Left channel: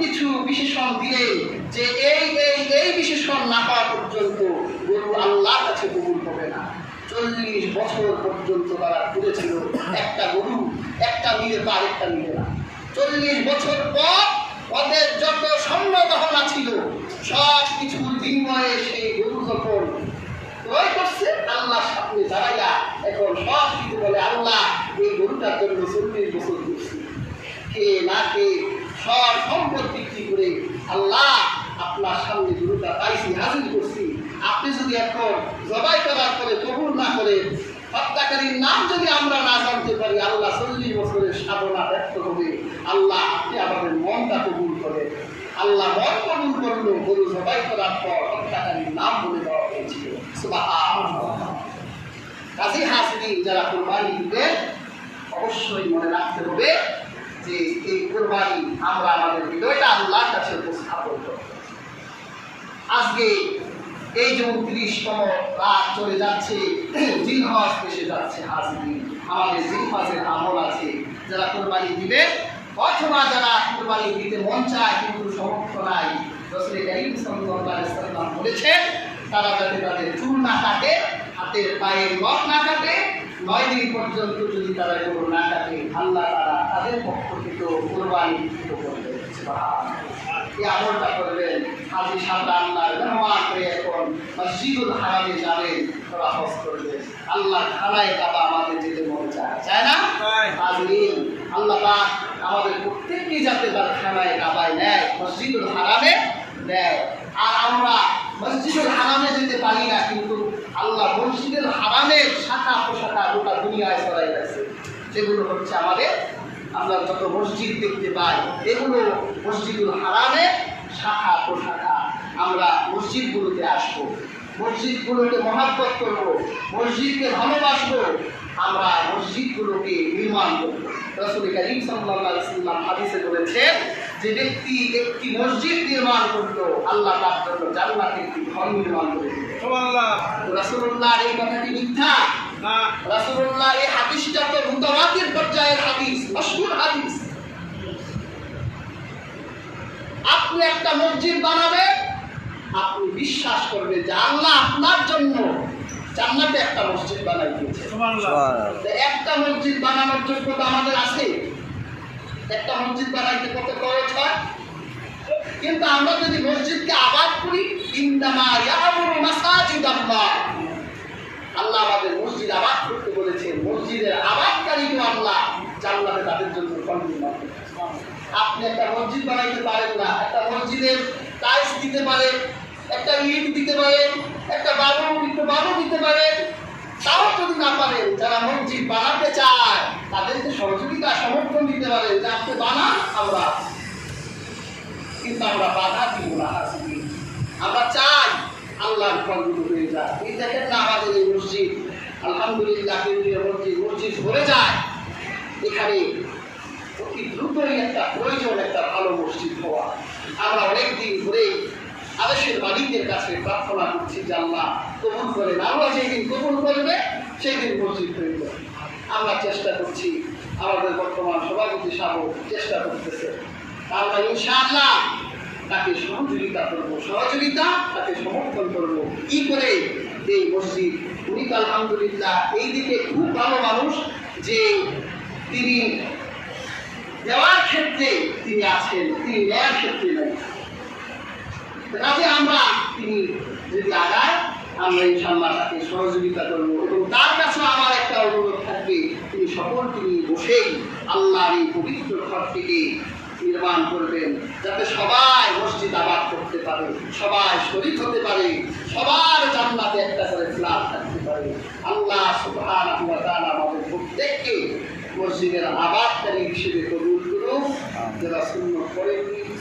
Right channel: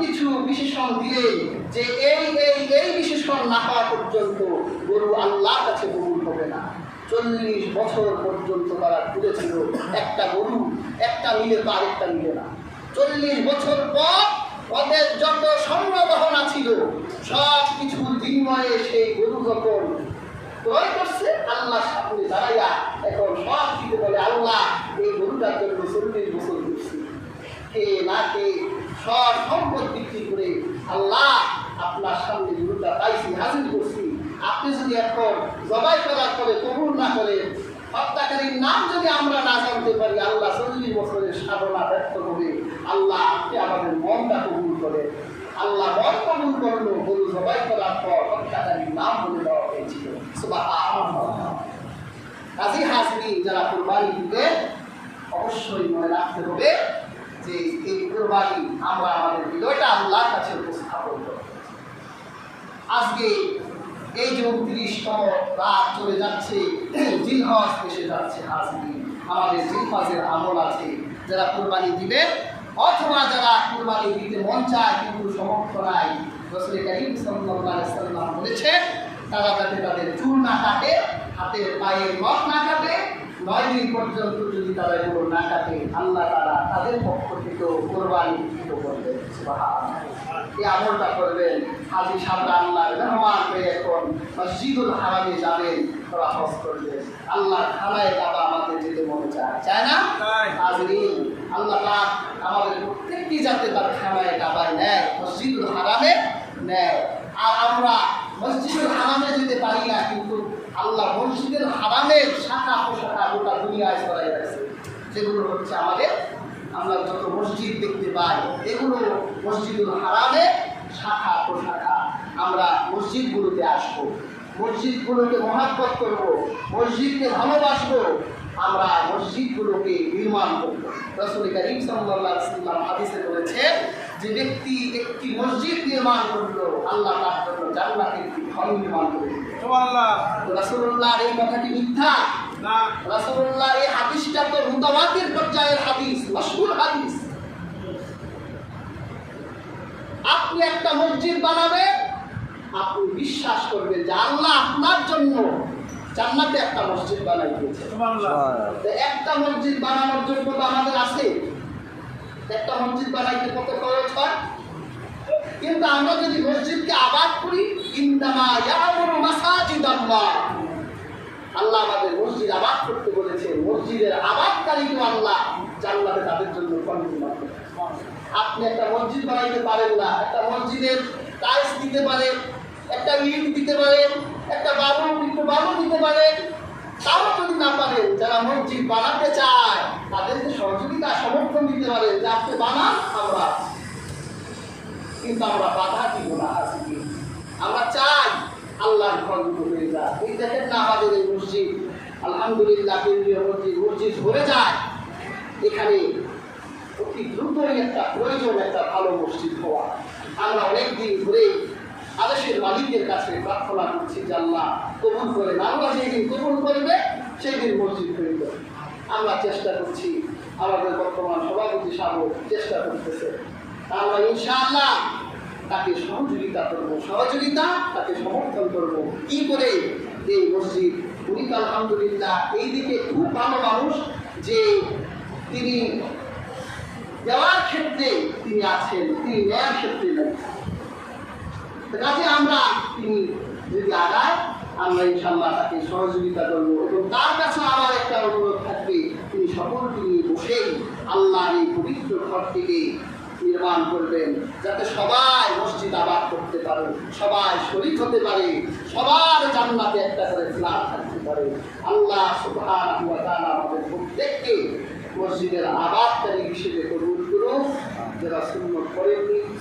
কিছু বিশেষণ দিলেন যে এই বিশেষণ না পাওয়া পর্যন্ত গরু আল্লাহর কাছে কবুল হবে না। 40 বছর পর্যন্ত তারা ঘুরেছিল, একটা গরু একটা মিলে তো আরেকটা মিলে না। 40 বছর পর ওদের যত স্বর্ণ গহনা ছিল সব কিছুর বিনিময়ে সেই গরু যখন ক্রয় করছে আল্লাহ সামনে দাঁড়াইয়া এখন সব কিছু বলে, আল্লাহ এই গরুটার জন্য 40 বছর ঘুরছি, কে না কে সব সম্পদ বিক্রি করে আল্লাহ আপনার সামনে গরুটা পাইছি, হাজির করছি। আপনি যদি এখন জবাই করার পরে কবুল না করে, হত্যাকারীর নাম যদি আমরা না জানতে পারি, আল্লাহ 40 বছরের সাধনা ব্যর্থ হবে। আল্লাহ আপনি আমাদের মনটা কবুল করে। আল্লাহ মন কবুল করলো, গরু জবাই করার পর হত্যাকারীর নাম বলে দেওয়া হয়েছিল। সুবহানাল্লাহ। কাজী হাজরিন, যারা কুরবানি দিবেন অবশ্যই মনে রাখতে হবে যে এই কুরবানি আমরা আমাদের হৃদয়টা আল্লাহর কাছে উপস্থাপন করব। আজকে এই যে 29তম রাত চলে যাচ্ছে, জিলহজ এসে যাচ্ছে, হাজরিন আমাদের জিলহজের আমল আছে। যারা কুরবানি দিবেন অথবা যারা কুরবানি দিতে মন চায় কিন্তু সমর্থ নাই, রাসূল কারীম সাল্লাল্লাহু আলাইহি ওয়াসাল্লাম বলেছেন তারা যাতে তাদের চুল না কাটে, হাতের পায়ের নখ না কাটে, 9 দিন পর্যন্ত যদি তারা এগুলো না কাটে, আল্লাহ তারা তাদের পক্ষ থেকে কোরবানি করবে। এই আমলটা করবেন। হাজি সাহেবরা আল্লাহর মেহমান হয়ে এখন মসজিদুল হারামে যাবেন, তারা হজ করবেন। আল্লাহ খানায় কাবা আমাদের যেতে মনে চায় না? হাজরিন, আল্লাহ পাক আমাদের প্রত্যেকটি যাতে তার খানায় কাবায় নেয়, মসজিদুল হারামে নেয়। আর আমরা মসজিদুল হারামে যেতে পারি না, কিন্তু আল্লাহ মসজিদের হারামের শাখা প্রশাখা গোটা দুনিয়ায় ছড়াই আছে। যেগুলো হচ্ছে আমাদের, আমরা যত মসজিদ দেখতে পাই এগুলো মসজিদুল হারামের শাখা প্রশাখা। আমরা মসজিদগুলোতে আসবো, মসজিদগুলোকে মহাব্বত করবো, মসজিদকে ভালোবাসবো, আমরা মসজিদগুলোকে নির্মাণ করবো। রাসূল কারীম সাল্লাল্লাহু আলাইহি ওয়াসাল্লাম হাদিসে বলেছেন যে ব্যক্তি একটি মসজিদ নির্মাণ করলো, আল্লাহ তার জন্য জান্নাতে একটি ঘর নির্মাণ করে দিবেন। সুবহানাল্লাহ। রাসূলুল্লাহর এই কথাটি মিথ্যা না। রাসূলুল্লাহ এই হাদিসটা তো মুতাওয়াতির পর্যায়ের হাদিস, মাশহুর হাদিস। আপনি একটা মসজিদ বানাবেন, আপনি বিশ্বাস করবেন যে আল্লাহ আপনার জন্য জান্নাতে একটা মসজিদ বানাই দিয়েছে। সুবহানাল্লাহ। একটা মসজিদ বানানোর যোগ্যতা আমাদের আছে? একটা মসজিদ বানাইতে কত খরচ হয়? কিন্তু আমরা যদি মসজিদকে আবাদ করি, ইন্নামা ইয়ামুরু মাসাজিদাল্লাহ, আল্লাহ আমাদের মসজিদ আবাদ করতে বলেছেন। মসজিদের আবাদকারীকে আল্লাহ জান্নাতে তাদের জন্য ঘর নির্মাণ করেছেন। আপনি একটা মসজিদ বানাইতে পারেন না, একটা মসজিদের টাইলস দিতে পারেন, একটা ইট দিতে পারেন, একটা বালু দিতে পারেন, তাও যদি না পারেন, যারা মসজিদ বানাতে চায় তাদেরকে সহযোগিতা সমর্থন দিতে পারেন যে আপনি বানান, আমরা, কিন্তু আমরা বাধা দিব না। আমরা চাই আল্লাহর ঘরগুলো হয়ে যায়। এই দেখেন না আমাদের এই মসজিদ, আলহামদুলিল্লাহ কেন্দ্রীয় মসজিদ ভরে যায়। এখানে অতি দ্রুতই একটা প্রয়োজন একটা ভালো মসজিদ হওয়া। আমরা অনেকদিন ধরে আদেশের মালিকের কাছে প্রার্থনা করছি যে আল্লাহ কবুল করেন। আল্লাহ যেদিন কবুল করবে সেই দিন মসজিদ হয়ে যাবে। আমরা চেষ্টা করছি, আমাদের বর্তমান সভাপতি সাহেব চেষ্টা করতেছে। আমরা ইনশাআল্লাহ তাকে সহযোগিতা করবো, তাকে সমর্থন করবো। কি করে এই মসজিদ, উনি তো আলহামদুলিল্লাহ এই দিকে খুব ভালো মানুষ যে তিনি দেওয়ার ক্ষেত্রে তিনি আছেন, তিনি নেওয়ার ক্ষেত্রে নেই। কাজে আমরা তিনি যদি আগায়, আমরা ইনশাআল্লাহ তাকে সহযোগিতা করবো। এবং তার কাছে আমার একটা অনুরোধ থাকবে, তিনি সকলকে নিয়ে বসেই আল্লাহর এই পবিত্র ঘরটিকে নির্মাণ করবেন, যাতে সবাই মসজিদ আবাদ করতে পারে, সবাই শরীক হতে পারে, সবার জান্নাতে একটা করে ফ্ল্যাট থাকতে পারে। আল্লাহ সুবহানাহু ওয়া তাআলা আমাদের প্রত্যেককে মসজিদের আবাদকারী হিসেবে কবুল করুন, যারা সুন্নাত পড়েননি